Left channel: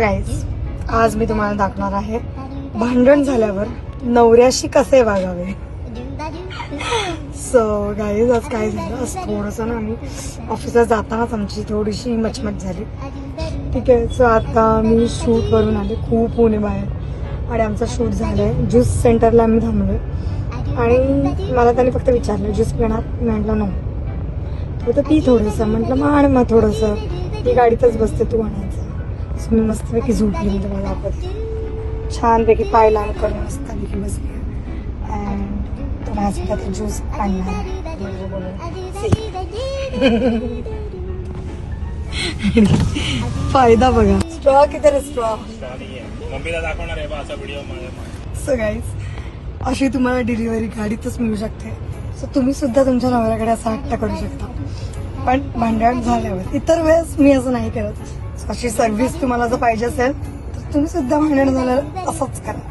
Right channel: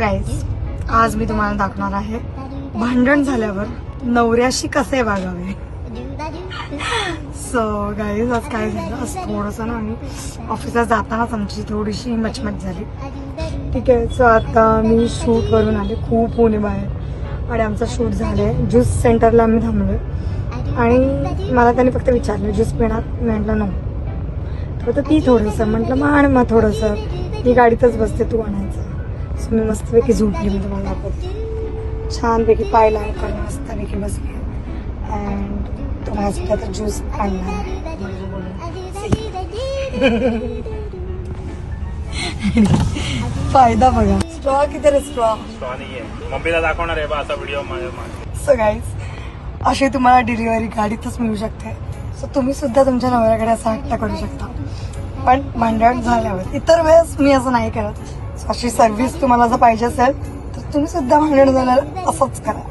Guys, आज मी तुम्हाला दाखवणार आहे भांडण झाल्यावर नवऱ्याशी कसे वागावे. सो गाईज, आज काय झालं, आज थोडंसं ना मी ऑफिसला जातानाच आमची थोडीशी मचमच झाली. ठीक आहे. सो आता मी शूट करून आले, खूप ऊन आहे बाहेर आणि आमचा शूट झालाय. ज्यूस सेंटरला मी थांबलोय आणि मला त्याने फक्त विचारलं ज्यूस पिणार, म्हटलं ना तर ती थोडंसं म्हटलं मग आणि मग थोडंसं मी गाडीतच बसते, तू म्हणायचं मस्तपैकी झोपली. म्हणजे मला वाटत छानपैकी पाय लाल करून मस्तपैकी बसली. ज्यूस फायदा बघा. स्ट्रॉ किती रे, स्ट्रॉ मम्मीला दाखवणार आहे बा असा व्हिडिओ. सो गाईज, अशी तुम्हाला डिलिव्हरी गाडीतच मिळू शकते. सो तुम्ही सुद्धा तुमच्या नवऱ्याकडे असा हट्ट करू शकता, पण भांडण झाल्यावर. इतर वेळेस मी असं नाही करत. अशी सर्व्हिस तुम्हाला जर पाहिजे असेल तर तुम्ही सुद्धा भांडण झाल्यावर असंच करा.